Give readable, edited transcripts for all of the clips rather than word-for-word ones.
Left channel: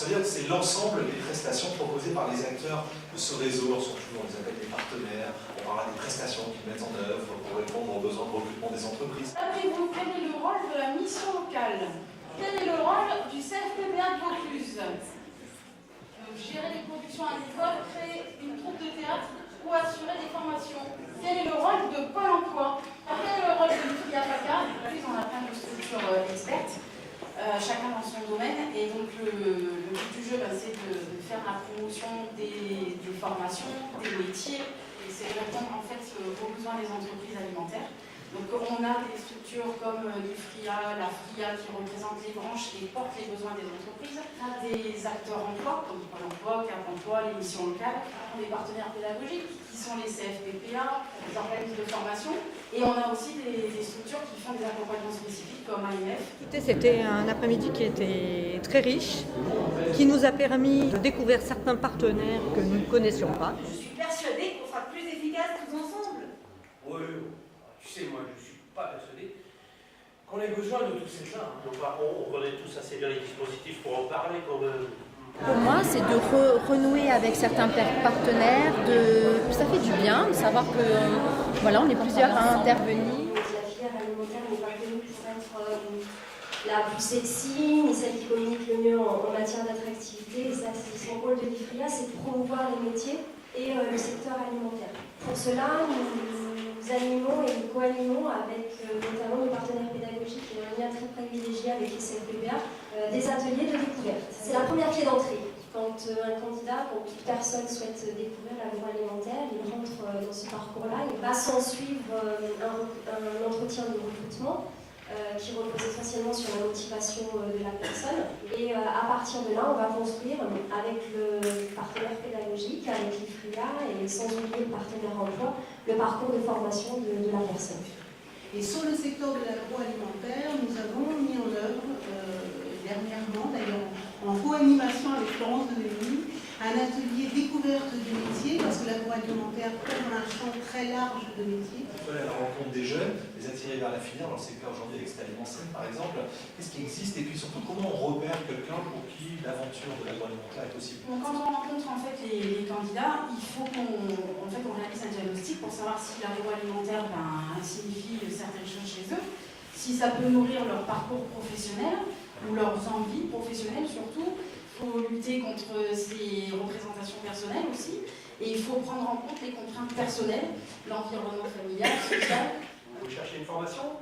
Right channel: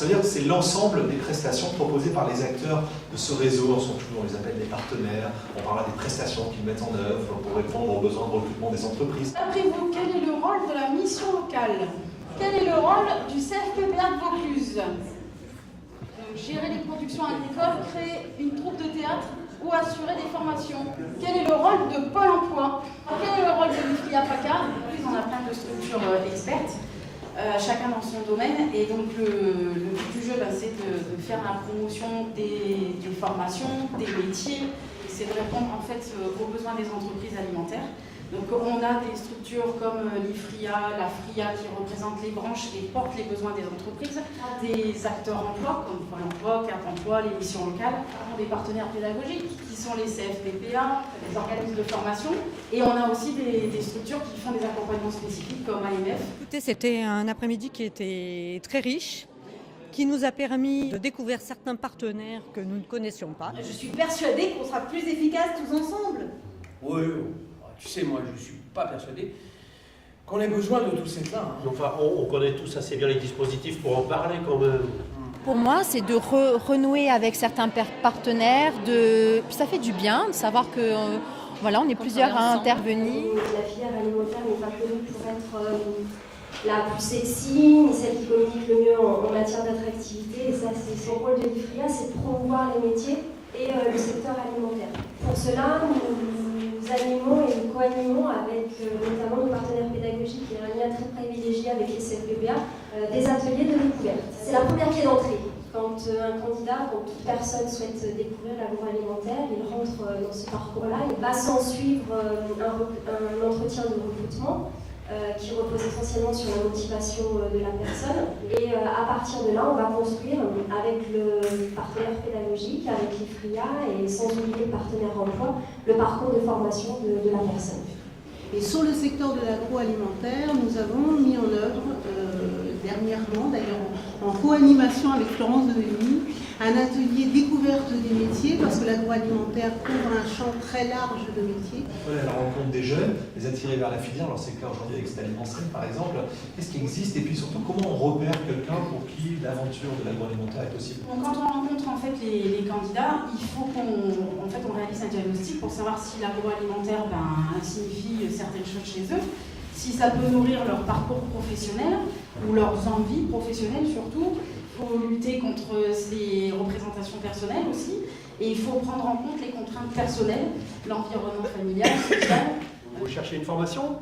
ça veut dire que c'est l'ensemble des prestations proposées par les acteurs de ce réseau. On les appelle des partenaires. On parlera des prestations qu'ils mettent en œuvre pour répondre aux besoins de recrutement des entreprises. D'après vous, quel est le rôle de la mission locale? Quel est le rôle du CFPPA de Vaucluse? Gérer les productions agricoles, créer une troupe de théâtre ou assurer des formations? Quel est le rôle de Pôle emploi? Quel est le rôle de l'IFRIA PACA? On a plein de structures expertes, chacun dans son domaine, et donc le but du jeu, c'est de faire la promotion des formations, des métiers, c'est de répondre en fait aux besoins des entreprises alimentaires. Donc on a des structures comme l'IFRIA, la FRIA qui représentent les branches et portent les besoins des entreprises, des acteurs emploi comme Pôle emploi, Cap emploi, les missions locales, des partenaires pédagogiques qui sont les CFPPA, les organismes de formation, et on a aussi des structures qui font des accompagnements spécifiques comme AMF. C'était un après-midi qui était très riche, qui nous a permis de découvrir certains partenaires que nous ne connaissions pas. Je suis persuadée qu'on sera plus efficaces tous ensemble. Oui, tu sais, moi je ne suis pas persuadé qu'on ait besoin de tout ça. Enfin, on connaît tous assez bien les dispositifs pour en parler quand même. Pour moi, c'est de renouer avec certains partenaires. Ça fait du bien de savoir que voilà, on est plusieurs à intervenir. La filière alimentaire n'est pas connue pour être la plus sexy, ni celle qui communique le mieux en matière d'attractivité. Et ça, c'est son rôle de l'IFRIA, c'est de promouvoir les métiers et le secteur alimentaire. Pour cela, nous animons et nous co-animons avec notamment nos partenaires pédagogiques et un lien très privilégié avec les CFPPA, des ateliers de découverte. C'est la première clé d'entrée. Quand un candidat, quand toute personne souhaite découvrir l'agroalimentaire, il rentre dans ce parcours-là, il va s'en suivre un entretien de recrutement qui repose essentiellement sur la motivation de la personne. Et à partir de là, on va construire avec le partenaire pédagogique, avec l'IFRIA et sans oublier le partenaire emploi, le parcours de formation de la personne. Et sur le secteur de l'agroalimentaire, nous avons mis en œuvre, dernièrement d'ailleurs en co-animation avec Florence Develny, un atelier découverte des métiers, parce que l'agroalimentaire couvre un champ très large de métiers. À la rencontre des jeunes, les attirer vers la filière, alors c'est le cas aujourd'hui avec Stalimensem par exemple, qu'est-ce qui existe et puis surtout comment on repère quelqu'un pour qui l'aventure de l'agroalimentaire est possible? Quand on rencontre en fait les candidats, il faut qu'on réalise un diagnostic pour savoir si l'agroalimentaire signifie certaines choses chez eux, si ça peut nourrir leur parcours professionnel ou leurs envies professionnelles surtout. Il faut lutter contre ces représentations personnelles aussi, et il faut prendre en compte les contraintes personnelles, l'environnement familial, social. Vous cherchez une formation?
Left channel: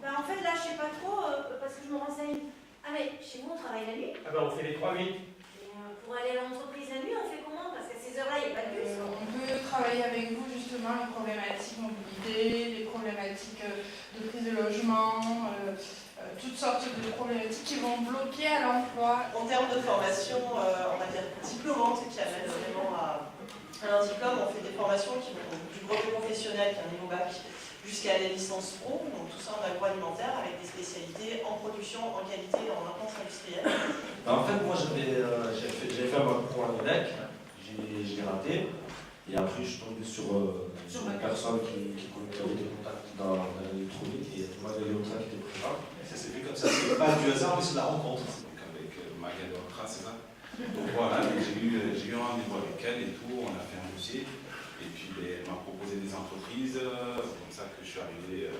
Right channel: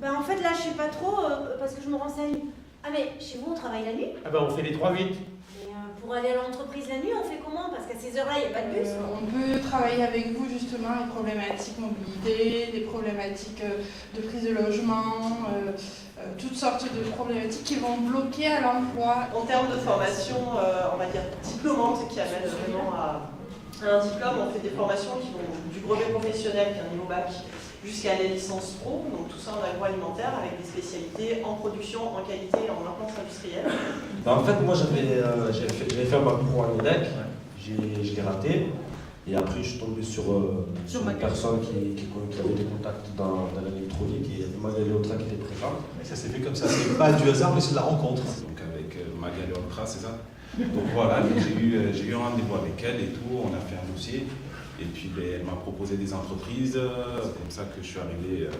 En fait là je sais pas trop parce que je me renseigne. Ah mais chez vous on travaille la nuit? Ah ben on fait les 3-8. Pour aller à l'entreprise la nuit on fait comment? Parce qu'à ces heures-là il n'y a pas de bus. On peut travailler avec vous justement les problématiques mobilité, les problématiques de prise de logement, toutes sortes de problématiques qui vont bloquer à l'emploi. En termes de formation, on va dire diplômante, qui amène vraiment à un diplôme, on fait des formations qui vont du brevet professionnel, qui est un niveau bac, jusqu'à la licence pro, donc tout ça en agroalimentaire, avec des spécialités en production, en qualité, en maintenance industrielle. En fait, moi j'avais fait un parcours à l'EDEC, je l'ai raté, et après je suis tombé sur une personne qui avait des contacts dans l'électronique et Magali Otra qui était présente. Ça s'est fait comme ça, c'est pas du hasard mais c'est de la rencontre. Donc avec Magali Otra, c'est ça? Donc voilà, j'ai eu un rendez-vous avec elle et tout, on a fait un dossier. Et puis elle m'a proposé des entreprises, c'est comme ça que je suis arrivé,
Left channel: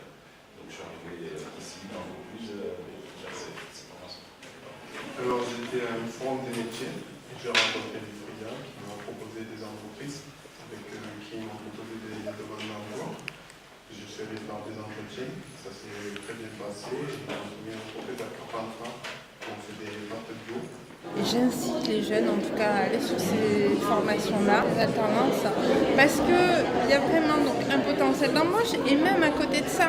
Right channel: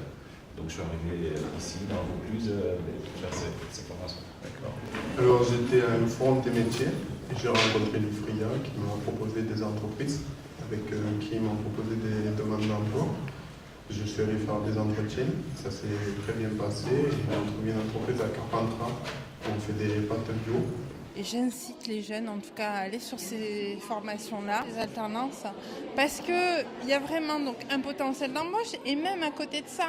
ici dans Vaucluse faire ces formations. Alors j'étais à une forum des métiers et j'ai rencontré l'IFRIA qui m'a proposé des entreprises avec qui m'ont proposé des demandes d'emploi. Je suis allé faire des entretiens, ça s'est très bien passé. J'ai trouvé une entreprise à Carpentras, on fait des pâtes bio. J'incite les jeunes en tout cas à aller sur ces formations-là, les alternances, parce qu'il y a vraiment donc, un potentiel d'embauche et même à côté de ça,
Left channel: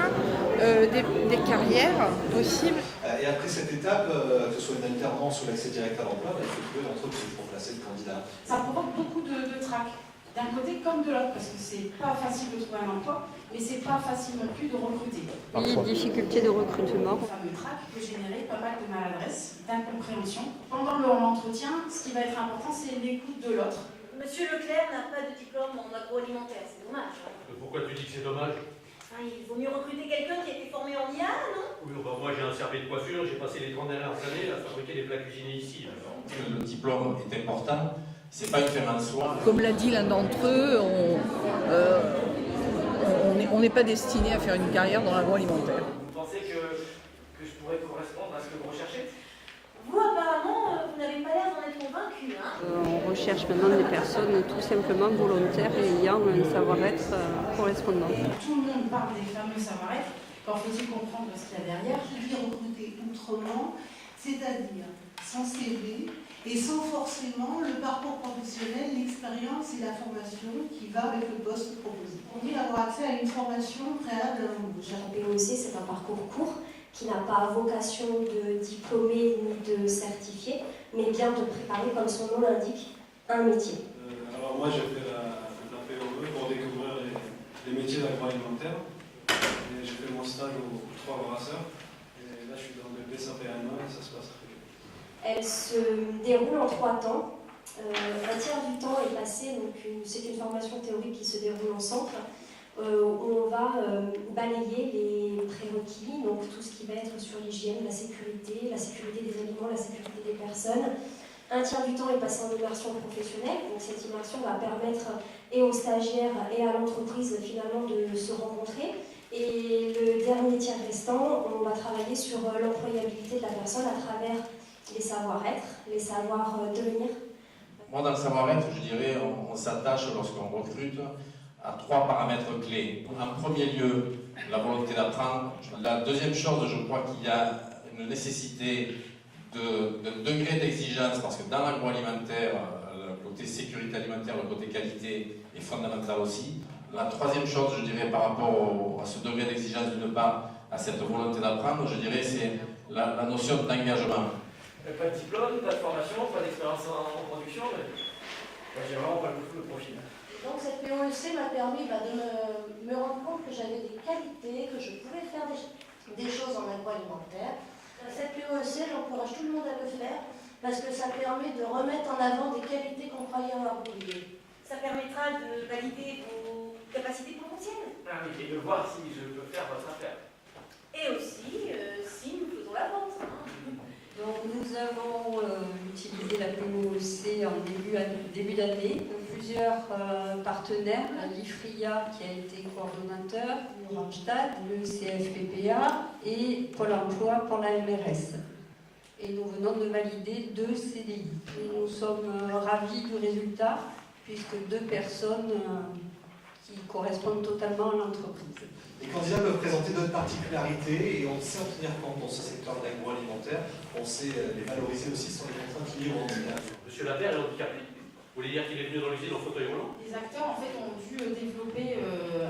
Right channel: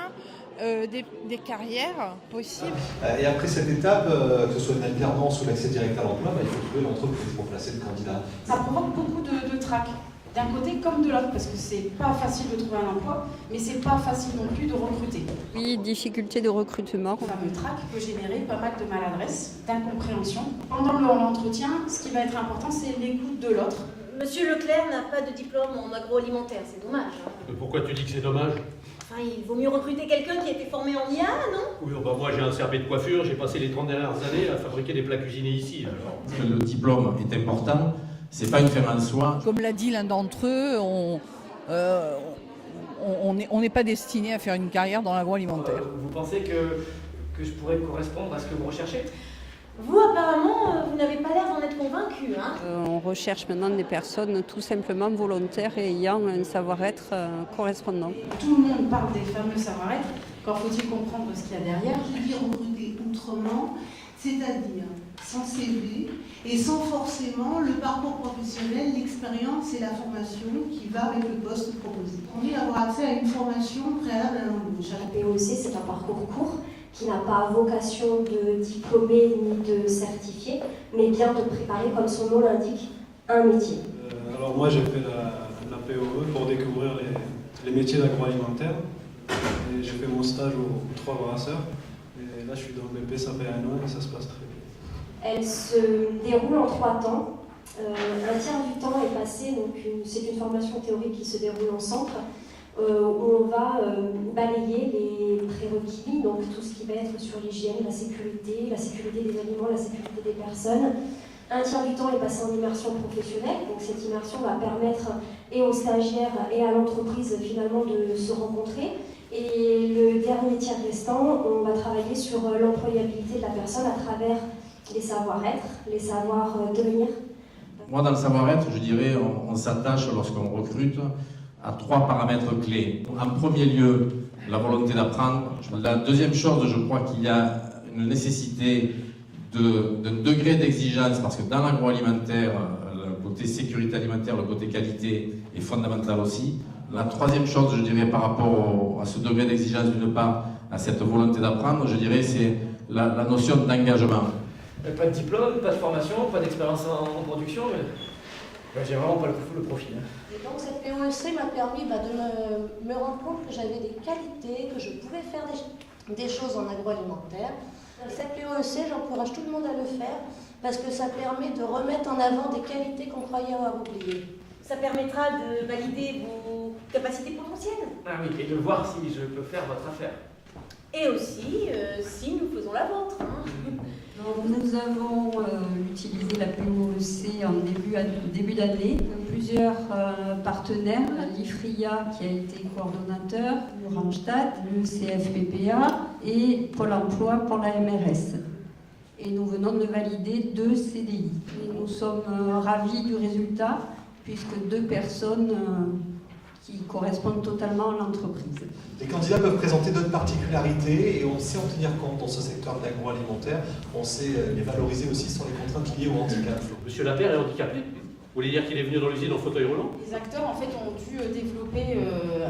des carrières possibles. Et après cette étape, que ce soit une alternance ou l'accès direct à l'emploi, il faut trouver l'entreprise pour placer le candidat. Ça provoque beaucoup de trac, d'un côté comme de l'autre, parce que c'est pas facile de trouver un emploi, mais c'est pas facile non plus de recruter. Oui, difficultés de recrutement. Le fameux trac peut générer pas mal de maladresse, d'incompréhension. Pendant l'entretien, ce qui va être important, c'est l'écoute de l'autre. Monsieur Leclerc n'a pas de diplôme en agroalimentaire, c'est dommage. Pourquoi tu dis que c'est dommage? Enfin, il vaut mieux recruter quelqu'un qui a été formé en IA, non? Oui, bah moi j'ai un CAP de coiffure, j'ai passé les 30 dernières années à fabriquer des plats cuisinés ici. Alors. Le diplôme est important, c'est pas une fin en soi. Comme l'a dit l'un d'entre eux, on n'est pas destiné à faire une carrière dans l'agroalimentaire. Vous pensez que je pourrais correspondre à ce que vous recherchez? Vous, apparemment, vous n'avez pas l'air d'en être convaincu, hein? On recherche maintenant des personnes tout simplement volontaires et ayant un savoir-être correspondant. Tout le monde parle des fameux savoir-être. Quand faut-il comprendre ce qu'il y a derrière? Qui recruter autrement, c'est-à-dire sans CV et sans forcément le parcours professionnel, l'expérience et la formation qui va avec le poste proposé. On vient avoir accès à une formation préalable à l'embauche. La POEC, c'est un parcours court qui n'a pas vocation de diplômer ni de certifier, mais bien de préparer, comme son nom l'indique, un métier. Alors moi j'ai fait la POE pour découvrir les métiers d'agroalimentaire. J'ai fait mon stage aux 3 brasseurs et là je suis dans le BP, ça fait 1 an et ça se passe très bien. Elle se déroule en 3 temps. Un tiers du temps est passé, donc c'est une formation théorique qui se déroule en centre, où on va balayer les prérequis, donc tout ce qui va être sur l'hygiène, la sécurité des aliments, la sécurité des personnes. Un tiers du temps est passé en immersion professionnelle, donc cette immersion va permettre et aux stagiaires et à l'entreprise finalement de se rencontrer. Et le dernier tiers restant, on va travailler sur l'employabilité de la personne à travers les savoir-être, les savoir-devenir. Moi, dans le savoir-être, je dirais, on s'attache lorsqu'on recrute à 3 paramètres clés. En premier lieu, la volonté d'apprendre. La deuxième chose, je crois qu'il y a une nécessité d'un degré d'exigence, parce que dans l'agroalimentaire, le côté sécurité alimentaire, le côté qualité est fondamental aussi. La troisième chose, je dirais, par rapport à ce degré d'exigence d'une part, à cette volonté d'apprendre, je dirais, c'est la notion d'engagement. Pas de diplôme, pas de formation, pas d'expérience en production, mais j'ai vraiment pas le profil. Et donc cette POEC m'a permis de me rendre compte que j'avais des qualités, que je pouvais faire des choses en agroalimentaire. Cette POEC, j'encourage tout le monde à le faire parce que ça permet de remettre en avant des qualités qu'on croyait avoir oubliées. Ça permettra de valider vos capacités potentielles. Ah oui, et de voir si je peux faire votre affaire. Et aussi, si nous faisons la vôtre. Nous avons utilisé la POEC en début d'année. Plusieurs partenaires, l'IFRIA qui a été coordonnateur, le Randstad, le CFPPA et Pôle emploi pour la MRS. Et nous venons de valider 2 CDI. Nous sommes ravis du résultat puisque 2 personnes qui correspondent totalement à l'entreprise. Les candidats peuvent présenter d'autres particularités et on sait en tenir compte dans ce secteur de l'agroalimentaire. On sait les valoriser aussi sur les contraintes liées au handicap. Monsieur Lapierre est handicapé? Vous voulez dire qu'il est venu dans l'usine en fauteuil roulant? Les acteurs en fait ont dû développer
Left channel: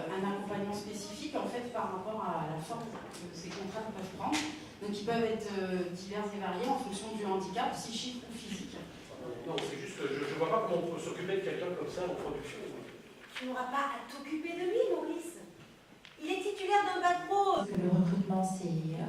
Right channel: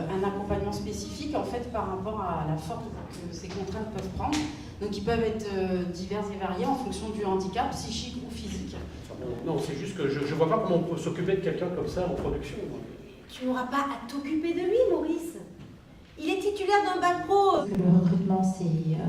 un accompagnement spécifique en fait par rapport à la forme que ces contraintes peuvent prendre. Donc ils peuvent être divers et variés en fonction du handicap psychique ou physique. Non, c'est juste que je ne vois pas comment on peut s'occuper de quelqu'un comme ça en production. Tu n'auras pas à t'occuper de lui, Maurice. Il est titulaire d'un bac pro. Le recrutement, c'est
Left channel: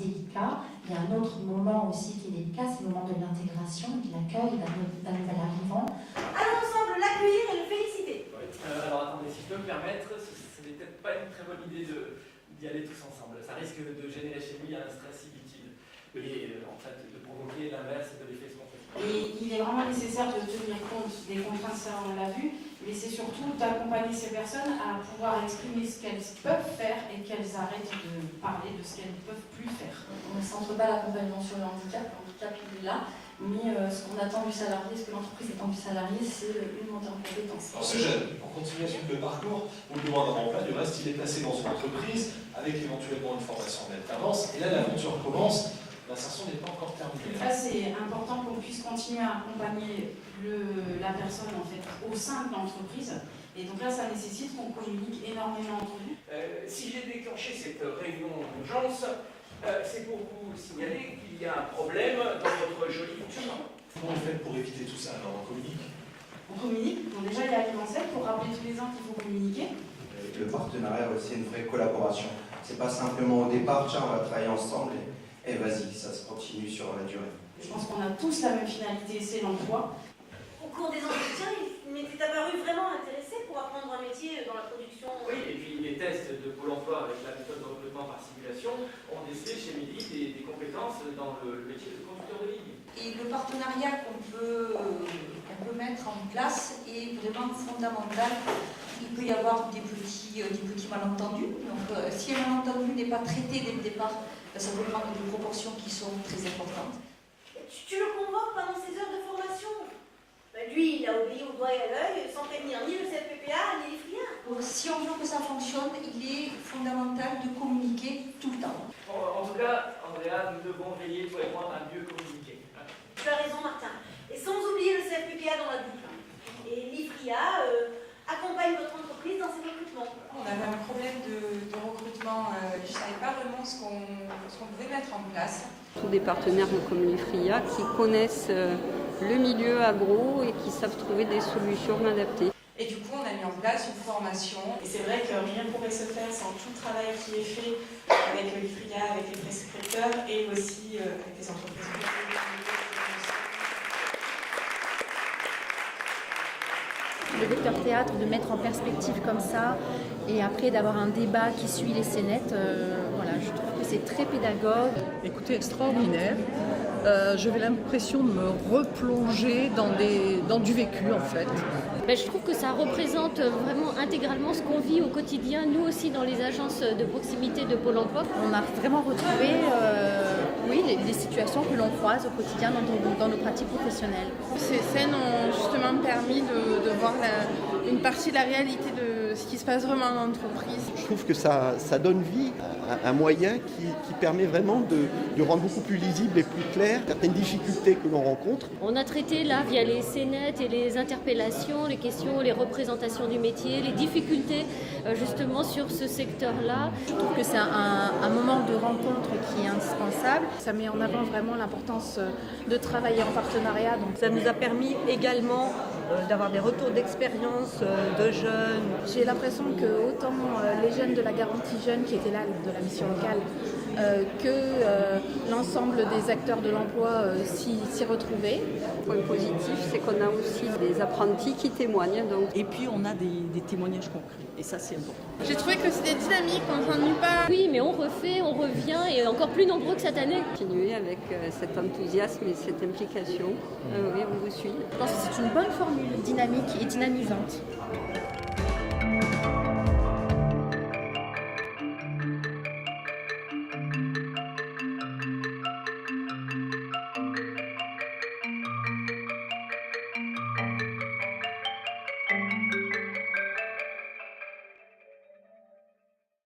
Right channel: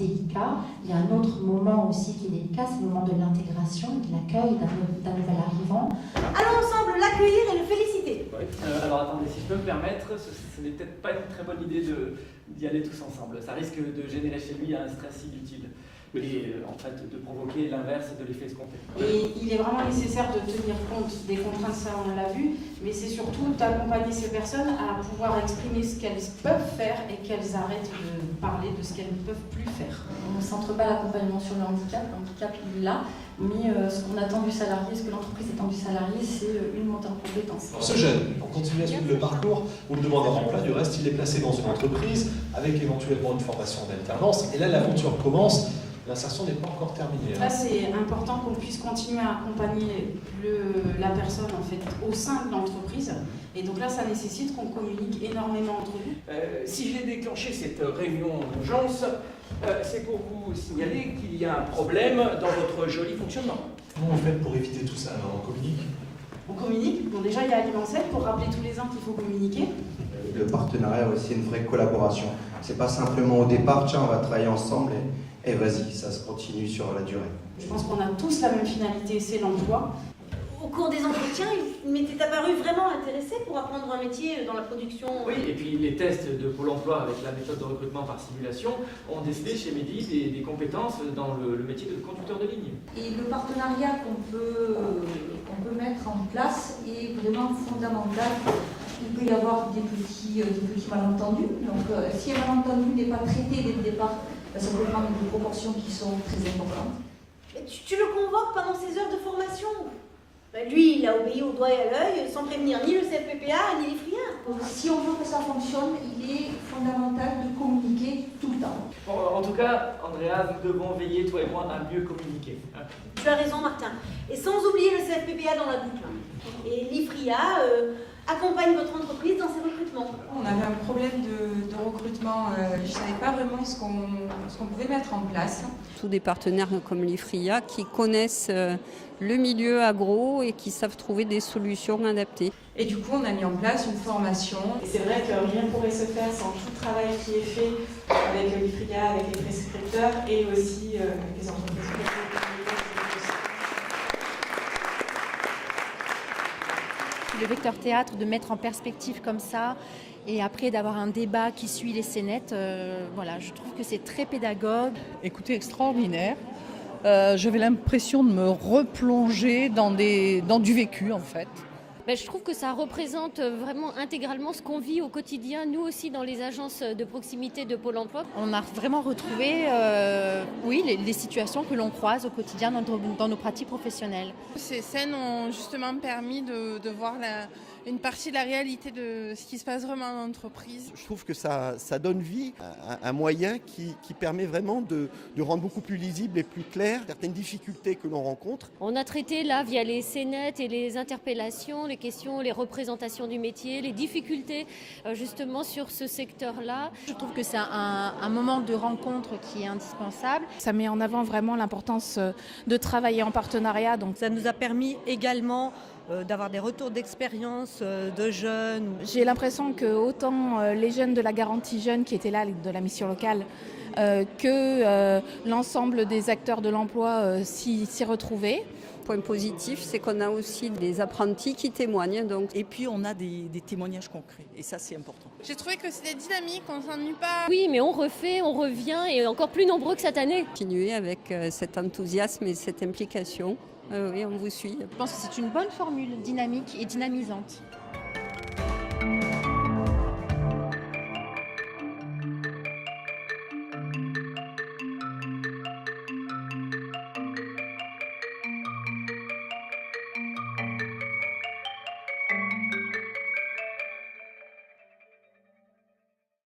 délicat. Il y a un autre moment aussi qui est délicat, c'est le moment de l'intégration, de l'accueil d'un nouvel arrivant. Allons ensemble l'accueillir et le féliciter. Oui. Alors attendez, si je peux me permettre, ce n'est peut-être pas une très bonne idée d'y aller tous ensemble. Ça risque de générer chez lui un stress inutile. Et en fait de provoquer l'inverse de l'effet escompté. Et il est vraiment nécessaire de tenir compte des contraintes, ça on l'a vu, mais c'est surtout d'accompagner ces personnes à pouvoir exprimer ce qu'elles peuvent faire et qu'elles arrêtent de parler de ce qu'elles ne peuvent plus faire. On ne centre pas l'accompagnement sur le handicap il est là, mais ce qu'on attend du salarié, ce que l'entreprise attend du salarié, c'est une montée en compétences. Alors, ce jeune, pour continuer à suivre le parcours, vous le demandez en plein, du reste, il est placé dans une entreprise avec éventuellement une formation d'alternance, et là l'aventure commence. L'insertion n'est pas encore terminée. Là, c'est important qu'on puisse continuer à accompagner la personne en fait, au sein de l'entreprise. Et donc là, ça nécessite qu'on communique énormément entre nous. Si j'ai déclenché cette réunion d'urgence, c'est pour vous signaler qu'il y a un problème dans votre joli fonctionnement. Comment on fait pour éviter tout ça? Alors, on communique? On communique. Donc déjà, il y a Alimentel pour rappeler tous les ans qu'il faut communiquer. Le partenariat a aussi une vraie collaboration. C'est pas simplement au départ, tiens, on va travailler ensemble et vas-y, ça se continue sur la durée. Je pense qu'on a tous la même finalité, c'est l'emploi. Au cours des entretiens, il m'était apparu vraiment intéressé pour apprendre un métier dans la production. Oui, et puis les tests de Pôle emploi avec la méthode de recrutement par simulation ont décelé chez Mehdi des compétences dans le métier de conducteur de ligne. Et le partenariat qu'on peut mettre en place est vraiment fondamental. Il peut y avoir des petits malentendus. Donc si un malentendu n'est pas traité dès le départ, ça peut prendre des proportions qui sont très importantes. Et tu le convoques pendant ses heures de formation. Lui, il a obéi au doigt et à l'œil sans prévenir ni le CFPPA ni les friens. Si on veut que ça fonctionne, il est fondamental de communiquer tout le temps. Bon, en tout cas, Andrea, nous devons veiller, toi et moi, à mieux communiquer. Tu as raison, Martin. Et sans oublier le CFPPA dans la boucle. Et l'IFRIA accompagne votre entreprise dans ses recrutements. On avait un problème de recrutement. Je ne savais pas vraiment ce qu'on pouvait mettre en place. Tous des partenaires comme l'IFRIA qui connaissent le milieu agro et qui savent trouver des solutions adaptées. Et du coup, on a mis en place une formation. Et c'est vrai que rien ne pourrait se faire sans tout le travail qui est fait avec l'IFRIA, avec les prescripteurs et aussi avec les entreprises. Le vecteur théâtre, de mettre en perspective comme ça, et après d'avoir un débat qui suit les scénettes, voilà, je trouve que c'est très pédagogue. Écoutez, extraordinaire. J'avais l'impression de me replonger dans du vécu en fait. Je trouve que ça représente vraiment intégralement ce qu'on vit au quotidien, nous aussi dans les agences de proximité de Pôle emploi. On a vraiment retrouvé les situations que l'on croise au quotidien dans nos pratiques professionnelles. Ces scènes ont justement permis de voir une partie de la réalité de ce qui se passe vraiment dans l'entreprise. Je trouve que ça donne vie à un moyen qui permet vraiment de rendre beaucoup plus lisible et plus clair certaines difficultés que l'on rencontre. On a traité là, via les scénettes et les interpellations, les questions, les représentations du métier, les difficultés justement sur ce secteur-là. Je trouve que c'est un moment de rencontre qui est indispensable. Ça met en avant vraiment l'importance de travailler en partenariat. Donc ça nous a permis également d'avoir des retours d'expérience de jeunes. J'ai l'impression que autant les jeunes de la garantie jeune qui étaient là, de la mission locale, que l'ensemble des acteurs de l'emploi s'y retrouvaient. Le point positif, c'est qu'on a aussi des apprentis qui témoignent. Donc. Et puis on a des témoignages concrets, et ça c'est important. J'ai trouvé que c'était dynamique, on s'ennuie pas. Oui, mais on refait, on revient, et encore plus nombreux que cette année. Continuer avec cet enthousiasme et cette implication. Oui, on vous suit. Je pense que c'est une bonne formule dynamique et dynamisante.